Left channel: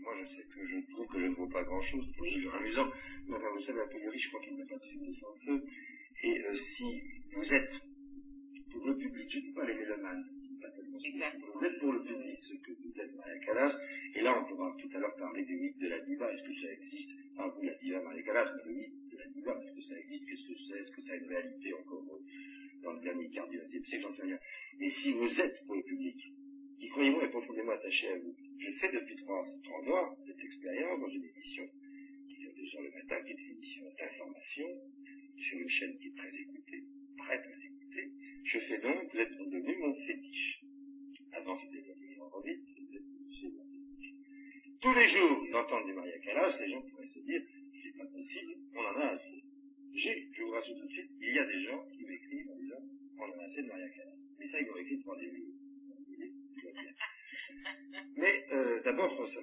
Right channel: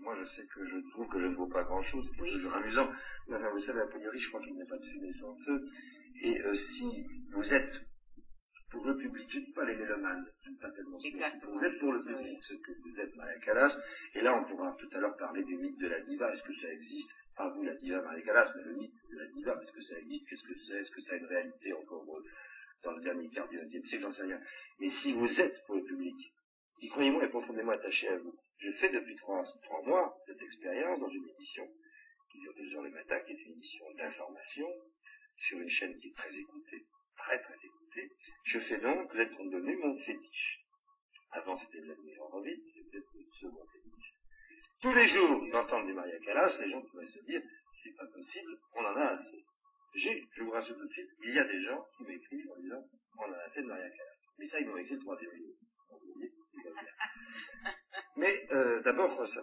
moi je sais que je trouve que je ne vaux pas grand-chose, c'est toujours amusant. Mais enfin, vous savez, a priori, je crois qu'il n'y a pas de fumée sans feu. Et si vous êtes pour le public, je ne dis pas les mélomanes, je ne dis pas tellement ce que vous êtes pour le public, ce que vous êtes Maria Callas, et là on pourra tout à l'heure parler du mythe de la diva, est-ce que ça existe? Pas vous la diva Maria Callas, mais le mythe de la diva, est-ce que ça existe? Qu'est-ce que c'est? Est-ce que ça a une réalité encore dans le dernier quart du XXe siècle? J'en sais rien. Mais si vous êtes pour le public, qui, croyez-moi, est profondément attaché à vous. Je fais depuis 3 mois cette expérience dans une émission qui dure 2 heures le matin, qui est une émission d'information, sur une chaîne qui est très écoutée, très très écoutée. Je fais donc, vous êtes devenu mon fétiche. Avant c'était Vladimir Horowitz, c'était le second fétiche. Tous les jours d'entendre du Maria Callas, les gens pourraient se dire, c'est pas possible, on en a assez. Je vous rassure tout de suite, il y a des gens qui m'écrivent en disant, on en a assez de Maria Callas. Mais ça, ils m'ont écrit le 3e jour. Mais d'abord, ce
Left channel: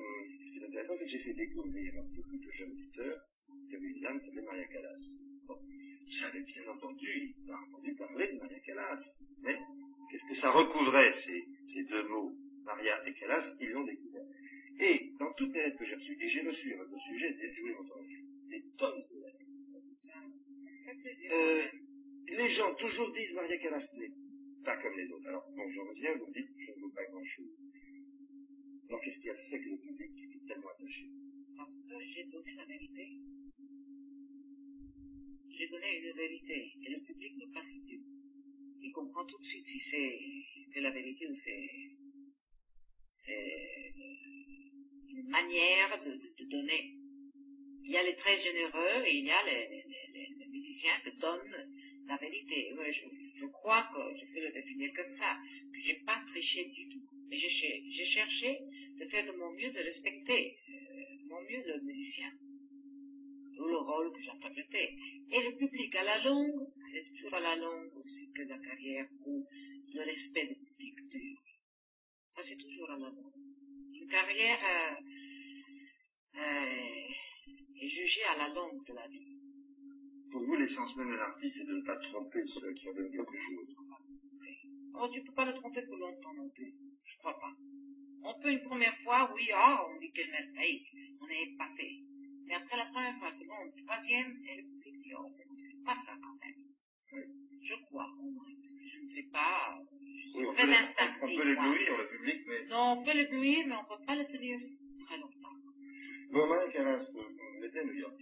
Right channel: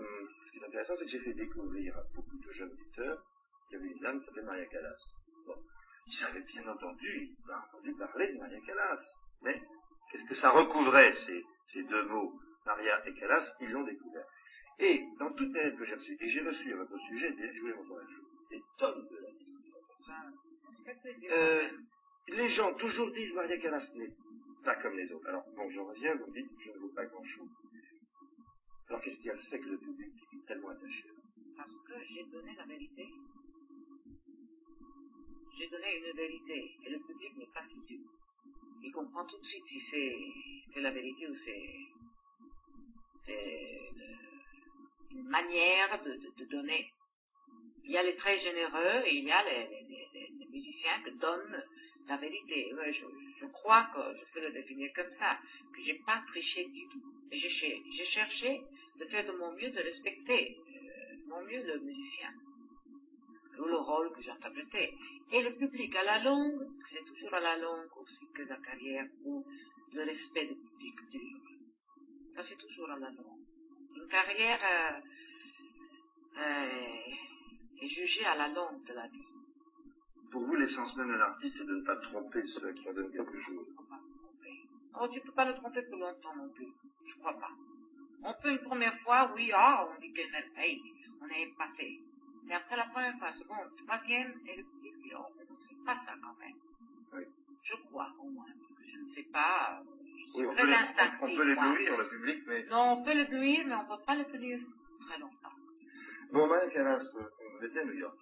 qui est intéressant, c'est que j'ai fait découvrir à beaucoup de jeunes auditeurs qu'il y avait une dame qui s'appelait Maria Callas. Bon, ils avaient bien entendu parler de Maria Callas. Mais qu'est-ce que ça recouvrait, ces 2 mots, Maria et Callas? Ils l'ont découvert. Et dans toutes les lettres que j'ai reçues, et j'ai reçu à votre sujet, je voulais montrer des tonnes de lettres. Les gens toujours disent Maria Callas n'est pas comme les autres. Alors, bon, je reviens, vous me dites, je ne vaux pas grand-chose. Alors, qu'est-ce qui a fait que le public est tellement attaché? Parce que j'ai donné la vérité. J'ai donné une vérité, et le public n'est pas si dur. Il comprend tout de suite si c'est la vérité ou c'est une manière de donner. Il y a les très généreux et il y a les musiciens qui donnent la vérité. Je crois que je peux le définir comme ça, que j'ai pas triché du tout. Et j'ai cherché de faire de mon mieux, de respecter mon mieux le musicien, ou le rôle que j'interprétais. Et le public à la longue, c'est toujours à la longue aussi que la carrière, ou le respect du public dure. Ça c'est toujours à la longue. Une carrière est jugée à la longue de la vie. Pour vous, l'essence même de l'artiste, c'est de ne pas tromper ceux qui en donnent quelque chose. Oh, tu ne peux pas le tromper pour longtemps non plus. Je crois pas. On peut une première fois, oui, on dit quelle merveille, on est épaté. Mais après la première fois, seconde, 3e, et le public dit, oh, c'est pas ça quand même. Oui. Je crois, au moins, parce que je ne sais pas, je suis oui, très instinctive. On peut l'éblouir, le public, mais... Non, on peut l'éblouir, mais on ne peut pas le tenir très longtemps. Bon, Maria Callas, on était à New York.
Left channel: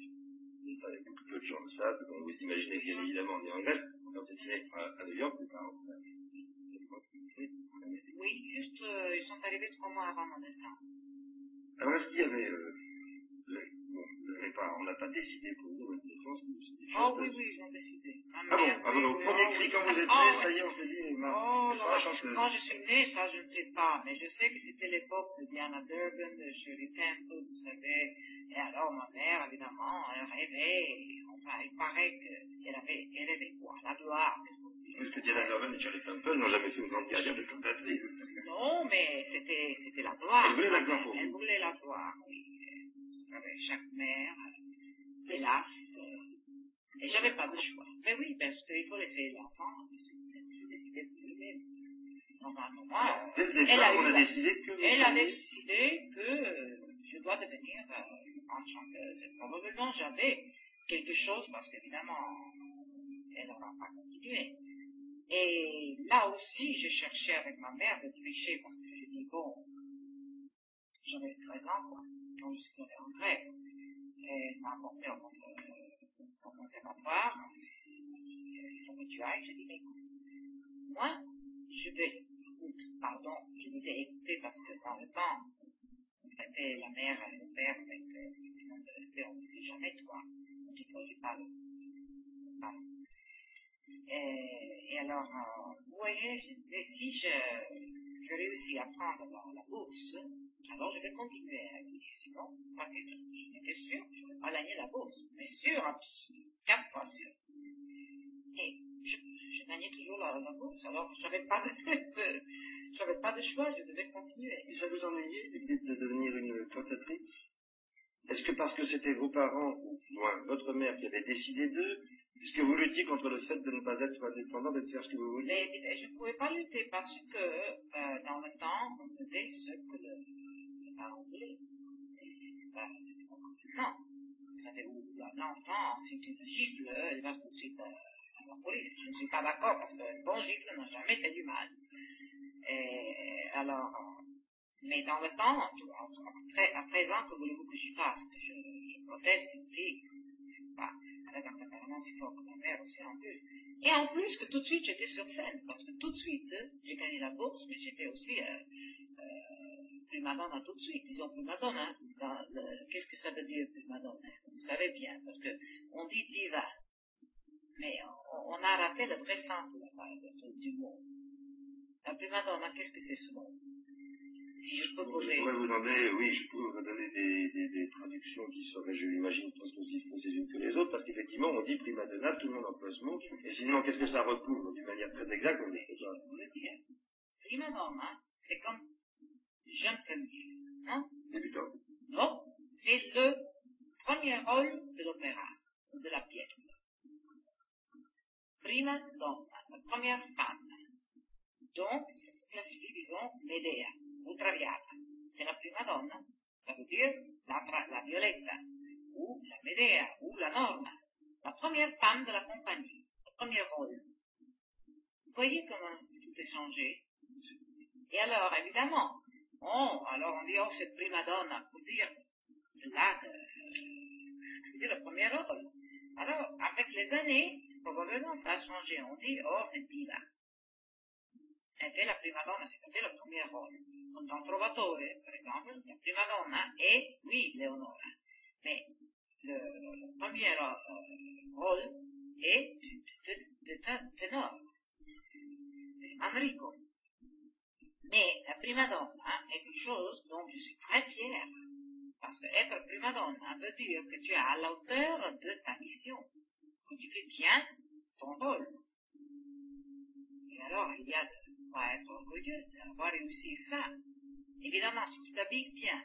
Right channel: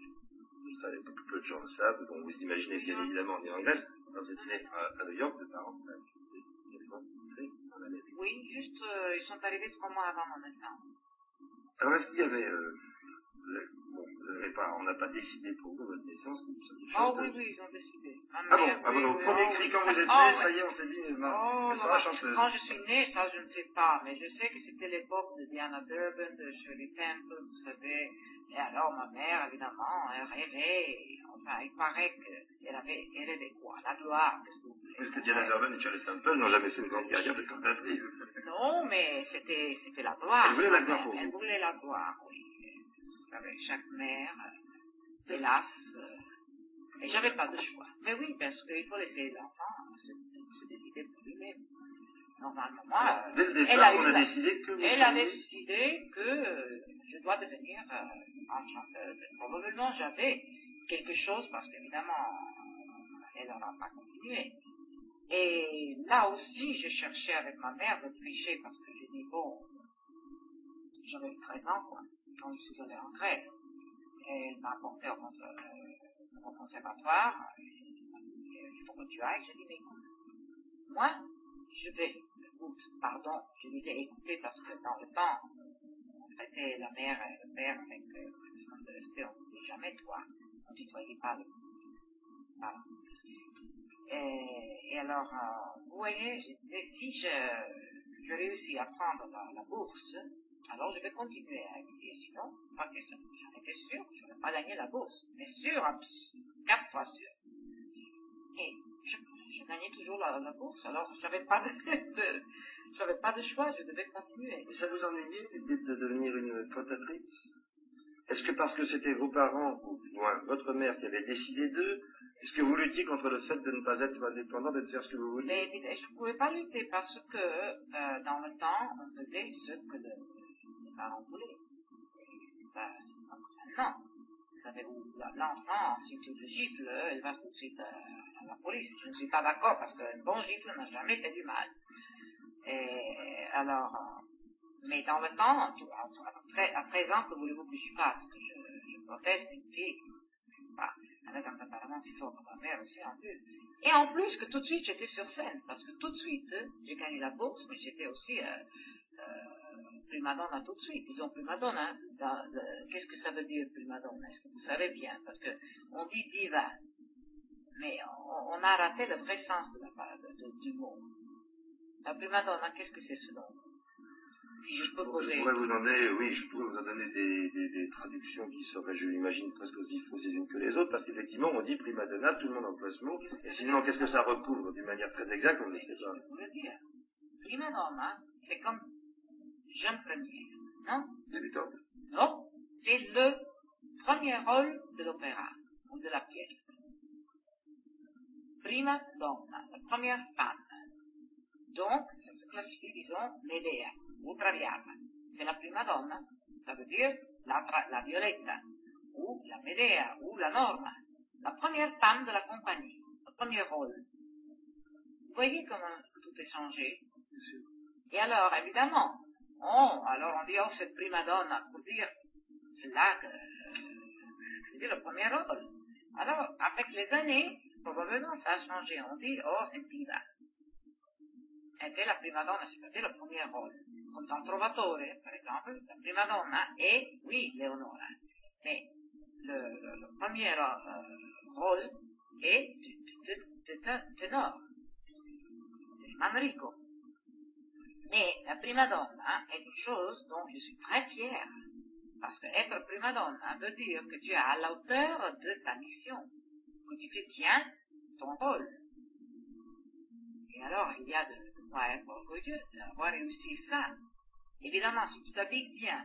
Vous savez, beaucoup peu de gens le savent, donc vous imaginez bien évidemment né en Grèce, quand vous êtes né à New York, de parents, en Amérique. Oui, juste, ils sont arrivés 3 mois avant mon naissance. Alors, est-ce qu'il y avait, on n'a pas décidé pour vous votre naissance, que vous soyez chanteuse? Oh oui, ils ont décidé. Donc, au premier cri, quand vous êtes né, ça y est, on s'est dit, elle sera chanteuse. Quand je suis née, ça, je ne sais pas, mais je sais que c'était l'époque de Diana Durbin, de Shirley Temple, vous savez. Et alors, ma mère, évidemment, elle rêvait, enfin, il paraît qu'elle rêvait quoi? La gloire, qu'est-ce que vous voulez? Parce que Diana Durbin et Shirley Temple n'ont jamais fait une grande carrière de cantatrice. Non, mais c'était la gloire. Elle voulait la gloire pour vous. Elle voulait la gloire, oui. Vous savez, chaque mère, hélas, et j'avais pas de choix. Mais oui, parce qu'il faut laisser l'enfant se décider pour lui-même. Normalement, dès le départ, on a décidé que elle a décidé que je dois devenir une grande chanteuse. Et probablement, j'avais quelque chose, parce qu'évidemment, elle n'aura pas continué. Et là aussi, je cherchais avec ma mère de tricher, parce que j'ai dit, bon, j'avais 13 ans, quoi, quand je suis allée en Grèce. Et elle m'a apporté au conservatoire. Elle m'a dit, il faut que tu ailles. J'ai dit, mais écoute, moi, je vais, je disais écouter parce que dans le temps, on traitait la mère et le père avec un maximum de respect, on ne disait jamais toi, on ne tutoyait pas le parent. Et alors, vous voyez, je disais, si je réussis à prendre la bourse, alors je vais continuer à étudier, sinon, pas question. J'en étais sûr, je n'aurais pas gagné la bourse, mais sûr, 4 fois sûr. Et je gagnais toujours la bourse, alors j'avais pas de choix, je devais continuer. Et ça vous ennuyait l'idée de devenir une cantatrice? Est-ce que parce que c'était vos parents, ou du moins votre mère qui avait décidé d'eux, est-ce que vous luttiez contre le fait de ne pas être indépendant, de faire ce que vous vouliez? Mais je ne pouvais pas lutter parce que dans le temps, on faisait ce que les parents voulaient. pas comme maintenant. Vous savez, où l'enfant, si tu le gifles, il va tout de suite à la police. Je ne suis pas d'accord parce qu'un bon gifle n'a jamais fait du mal. Et alors, mais dans le temps, à présent, que voulez-vous que je fasse? Que je proteste une fille? Bah, avec un tempérament si fort que ma mère aussi en plus. Et en plus que tout de suite j'étais sur scène, parce que tout de suite j'ai gagné la bourse, mais j'étais aussi prima donna tout de suite. Disons prima donna, qu'est-ce que ça veut dire prima donna? Est-ce que vous savez bien? Parce que on dit diva, mais on a raté le vrai sens du mot. La prima donna, qu'est-ce que c'est ce nom? Si je peux poser. Je pourrais vous donner des traductions qui seraient, je l'imagine, presque aussi fausses les unes que les autres, parce qu'effectivement, on dit prima donna, tout le monde emploie ce mot, et sinon, qu'est-ce que ça recouvre d'une manière très exacte, on ne le sait pas. Je voulais dire, prima donna, c'est comme jeune première, non? Débutante. Non, c'est le premier rôle de l'opéra, ou de la pièce. Prima donna, la première femme. Donc, ça se classifie, disons, Medea, ou Traviata. C'est la prima donna, ça veut dire la Violetta, ou la Medea, ou la Norma, la première femme de la compagnie, le premier rôle. Vous voyez comment tout est changé? Et alors, évidemment, alors on dit, oh, cette prima donna, pour dire, c'est là que je dire le premier rôle. Alors, avec les années, probablement ça a changé. On dit, oh, c'est diva. Elle fait la prima donna, c'est-à-dire le premier rôle. Comme dans Trovatore, par exemple, la prima donna est, oui, Leonora. Mais le premier rôle est de ténor. C'est Manrico. Mais la prima donna est une chose dont je suis très fière. Parce que être prima donna veut dire que tu es à la hauteur de ta mission. Que tu fais bien ton rôle. Et alors, il y a de quoi être orgueilleux d'avoir réussi ça. Évidemment, si tu t'habilles bien,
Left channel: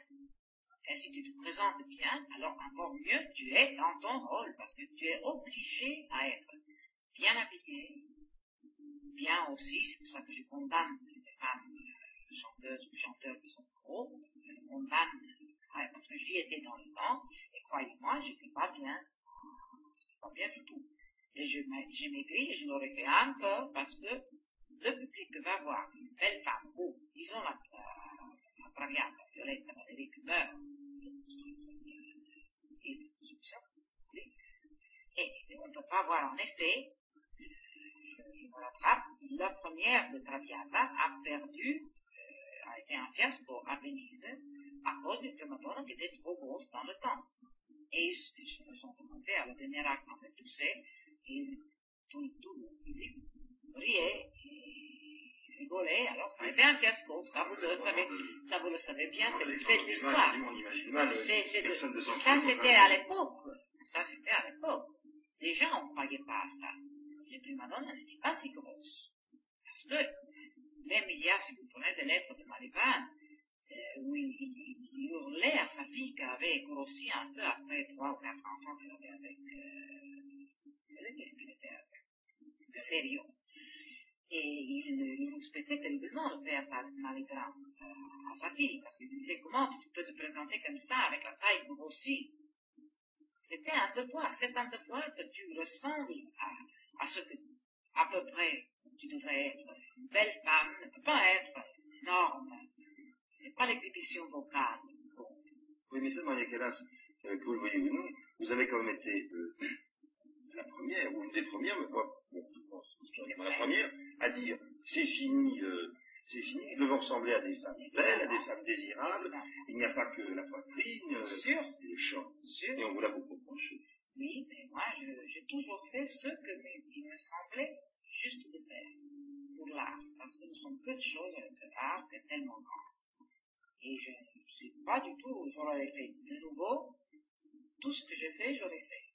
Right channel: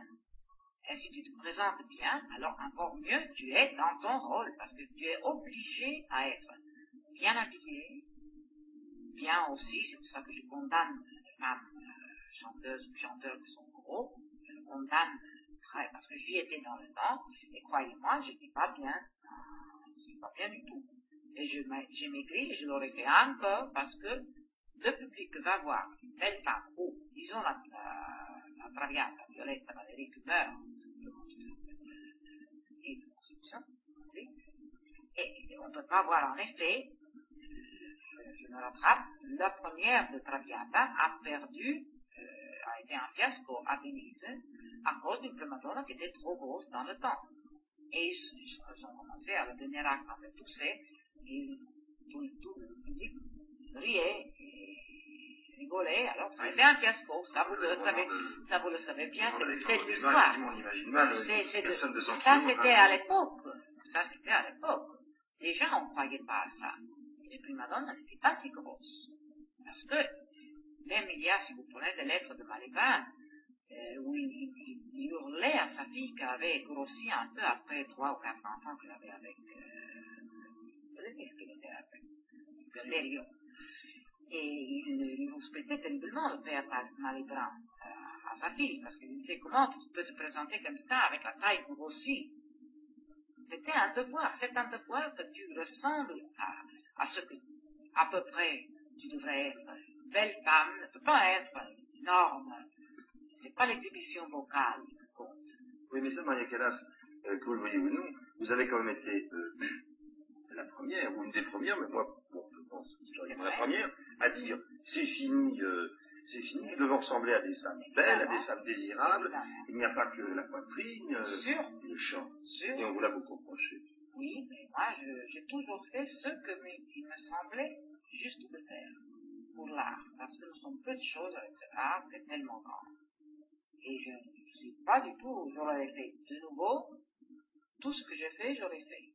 et si tu te présentes bien, alors encore mieux, tu es dans ton rôle, parce que tu es obligé à être bien habillé, bien aussi, c'est pour ça que je condamne les femmes chanteuses ou chanteurs qui sont gros, je les condamne très, parce que j'y étais dans le temps, et croyez-moi, j'étais pas bien du tout. Et j'ai maigri, et je l'aurais fait encore, parce que le public va voir une belle femme, ou, disons la Traviata, Violetta, Valérie qui meurt de conception, oui. Et on ne peut pas voir en effet, je me rattrape, la première de Traviata a été un fiasco à Venise, à cause d'une prima donna qui était trop grosse dans le temps. Et ils ont commencé à la dernière acte, en fait, tousser, et tout le public riait, rigolait, alors ça a été un fiasco, ça vous le savez bien, c'est l'histoire. Ça c'était à l'époque, Les gens ne croyaient pas à ça. Les prima donnas n'étaient pas si grosses. Parce que, même il y a, si vous prenez des lettres de Malibran, où il hurlait à sa fille qui avait grossi un peu après 3 ou 4 enfants qu'elle avait avec, qu'est-ce qu'elle était avec Galerio. Et il respectait terriblement le père Malibran à sa fille, parce qu'il disait, comment tu peux te présenter comme ça, avec la taille grossie? C'était un devoir, c'est un devoir que tu ressembles à ce que, à peu près, tu devrais être. Une belle femme ne peut pas être énorme. C'est pas l'exhibition vocale qui compte. Oui, mais ça, Maria Callas, que vous le voyez ou non, vous avez quand même été la première, ou une des premières, mais moi, bon, je pense, historiquement la première, à dire, c'est fini, nous devons ressembler à des femmes belles, à des femmes désirables, il n'y a pas que la poitrine, le chant, et on vous l'a beaucoup reproché. Oui, mais moi, j'ai toujours fait ce qu'il me semblait juste de faire, pour l'art, parce que nous sommes peu de choses avec cet art qui est tellement grand. Et je ne sais pas du tout, j'aurais fait de nouveau, tout ce que j'ai fait, j'aurais fait.